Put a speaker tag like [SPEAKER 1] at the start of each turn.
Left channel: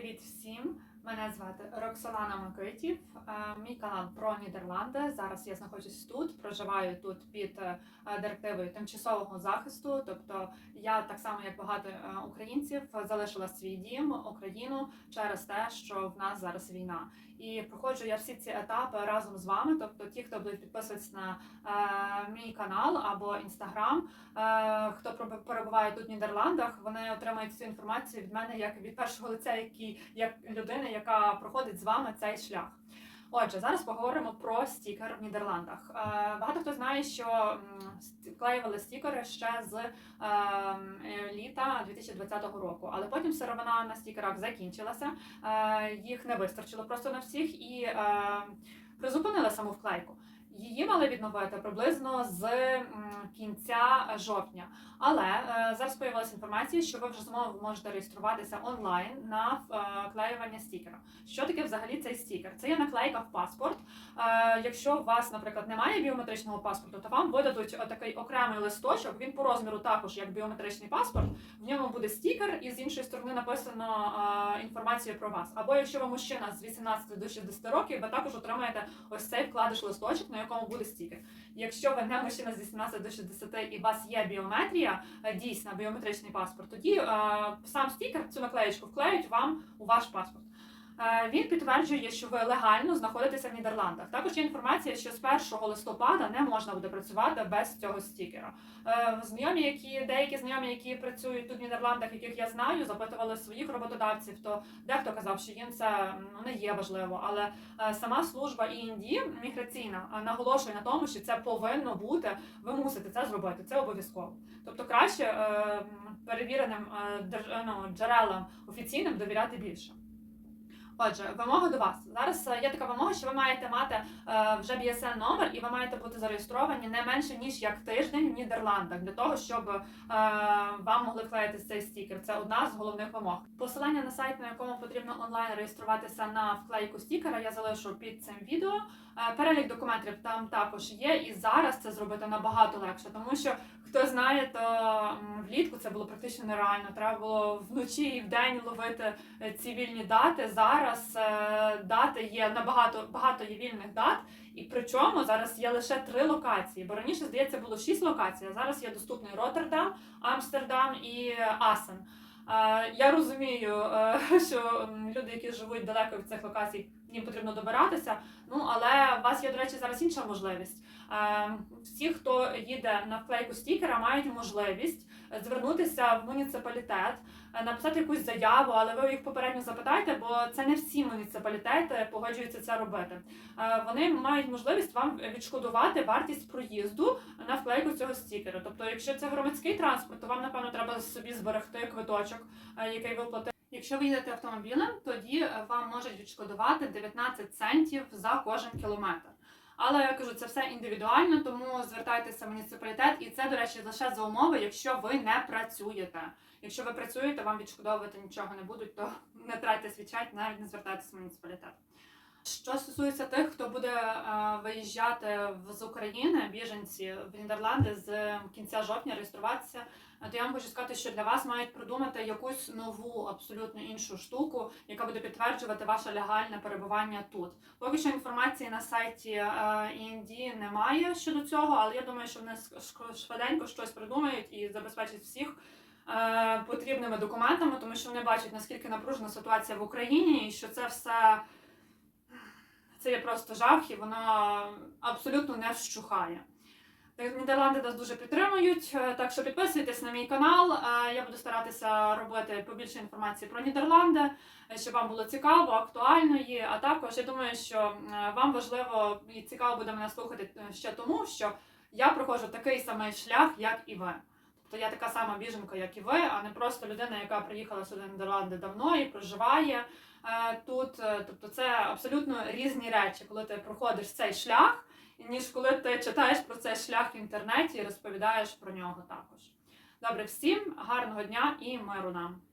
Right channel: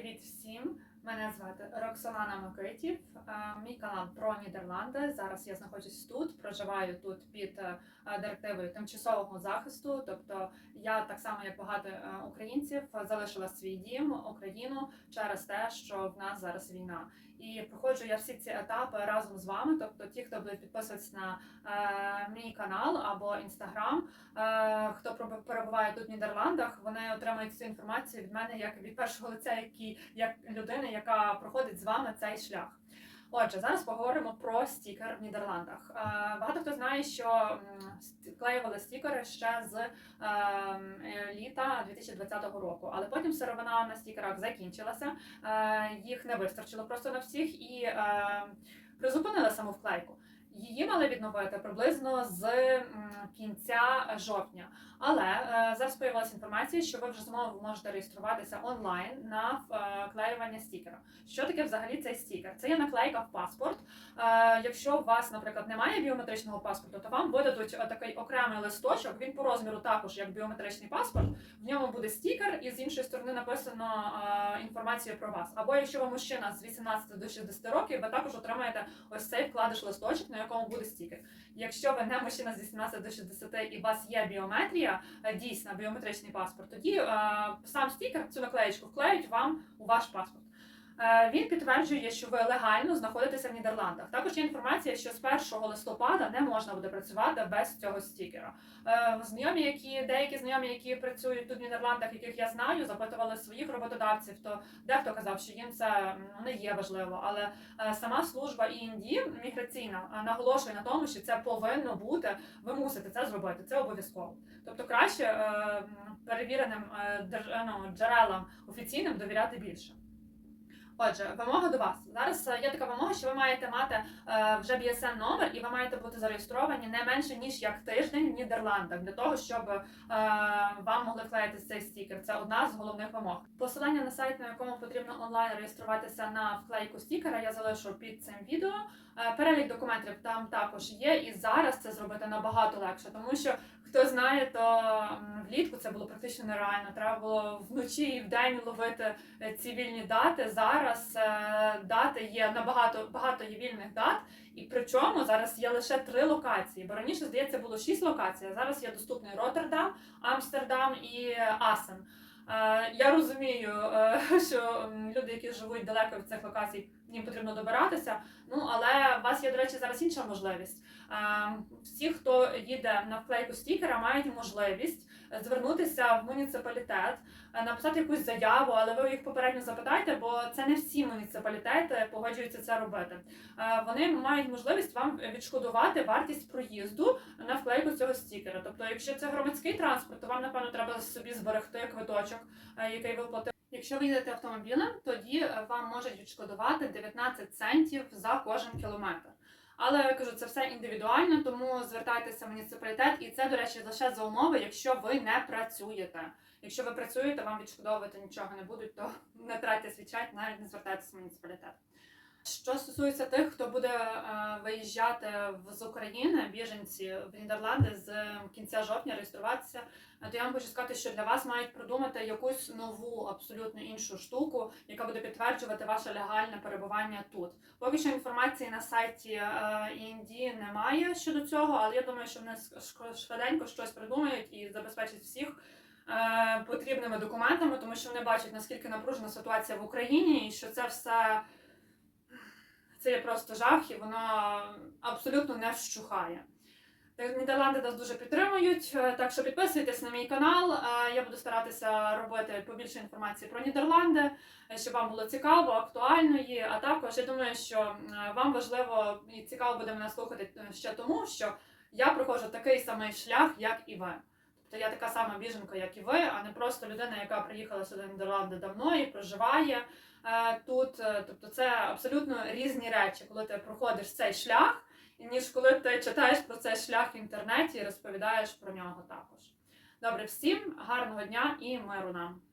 [SPEAKER 1] Привіт всім! Мене звати Роксолана Микитів. Е, Мій канал про Нідерланди. Зараз я знаходжусь тут, проживаю тут під е, директивою тимчасового захисту. Тобто я так само, як багато е, українців, залишила свій дім, Україну через те, що в нас зараз війна. І проходжу я всі ці етапи разом з вами. Тобто, ті, хто будуть підписуватися на мій канал або інстаграм, хто перебуває тут в Нідерландах, вони отримають цю інформацію від мене як від першого лиця, який як людини, яка проходить з вами цей шлях. Отже, зараз поговоримо про стікер в Нідерландах. Е, багато хто знає, що клеювали стікери ще з е, е, літа 2020 року, але потім сировина на стікерах закінчилася, е, їх не вистачило просто на всіх і е, призупинили саму вклейку. Її мали відновити приблизно з кінця жовтня. Але е, зараз появилася інформація, що ви вже знову можете реєструватися онлайн на е, вклеювання стікера. Що таке взагалі цей стікер? Це є наклейка в паспорт. Е, якщо у вас, наприклад, немає біометричного паспорту, то вам видадуть е, такий окремий листочок. Він по розміру також як біометричний паспорт. В ньому буде стікер, і з іншої сторони написано е, інформацію про вас. Або якщо ви мужчина з 18 до 60 років, ви також отримаєте ось цей вкладиш листочок, на якому буде стікер. Якщо ви не мужчина з 18 до 60 і у вас є біометрія, е, дійсна біометричний паспорт, тоді е, сам стікер, цю наклеєчку вклеють вам у ваш паспорт. Е, Він підтверджує, що ви легально знаходитеся в Нідерландах. Також є інформація, що з 1 листопада не можна буде працювати без цього стікера. Е, Знайомі, які деякі знайомі, які працюють тут в Нідерландах, яких я знаю, запитували своїх роботодавців. То дехто казав, що їм це не є важливо, але е, сама служба ІНД міграційна наголошує на тому, що це повинно бути. Ви мусите це зробити. Це обов'язково. Тобто краще перевіреним ну, джерелам офіційним довіряти більше. Отже, вимога до вас. Зараз е, є така вимога, що ви маєте мати е, вже BSN номер і ви маєте бути зареєстровані не менше ніж як тиждень в Нідерландах для того, щоб е, вам могли вклеїти цей стікер. Це одна з головних вимог. Посилання на сайт, на якому потрібно онлайн реєструватися на вклейку стікера, я залишу під цим відео. Перелік документів там також є, і зараз це зробити набагато легше, тому що хто знає, то влітку це було практично нереально. Треба було вночі і вдень ловити ці вільні дати. Зараз е, дати є набагато багато є вільних дат, і причому зараз є лише три локації. Бо раніше здається було шість локацій. а Зараз є доступний Роттердам, Амстердам і Асен. Е, Я розумію, е, що люди, які живуть далеко від цих локацій, їм потрібно добиратися. Ну але у вас є, до речі, зараз інша можливість. Всі, хто їде на вклейку стікера, мають можливість звернутися в муніципалітет, е, написати якусь заяву, але ви їх попередньо запитайте, бо це не всі муніципалітети погоджуються це робити. Е, Вони мають можливість вам відшкодувати вартість проїзду на вклейку цього стікера. Тобто, якщо це громадський транспорт, то вам напевно треба собі зберегти квиточок, е, який ви платили. Якщо ви їдете автомобілем, тоді вам можуть відшкодувати 19 центів за кожен кілометр. Але я кажу, це все індивідуально, тому звертайтеся в муніципалітет, і це, до речі, лише за умови, якщо ви не працюєте. Якщо ви працюєте, вам відшкодовувати нічого не будуть, то не тратьте свій час, навіть не звертайтеся в муніципалітет. Що стосується тих, хто буде е, виїжджати з України, біженці в Нідерланди з кінця жовтня реєструватися, е, то я вам хочу сказати, що для вас мають придумати якусь нову, абсолютно іншу штуку, яка буде підтверджувати ваше легальне перебування тут. Поки що інформації на сайті е, ІНД немає щодо цього, але я думаю, що вони швиденько щось придумають і забезпечать всіх. Потрібними документами, тому що вони бачать наскільки напружена ситуація в Україні, і що це все це є просто жах, і воно абсолютно не вщухає. Нідерланди нас дуже підтримують, е, так що підписуйтесь на мій канал. е, Я буду старатися робити побільше інформації про Нідерланди, е, щоб вам було цікаво, актуально є. А також я думаю, що вам важливо і цікаво буде мене слухати ще тому, що я проходжу такий самий шлях, як і ви. Тобто я така сама біженка, як і ви, а не просто людина, яка приїхала сюди в Нідерланди давно і проживає е, тут. Е, Тобто це абсолютно різні речі, коли ти проходиш цей шлях, ніж коли ти читаєш про цей шлях в інтернеті і розповідаєш про нього також. Добре, всім гарного дня і миру нам!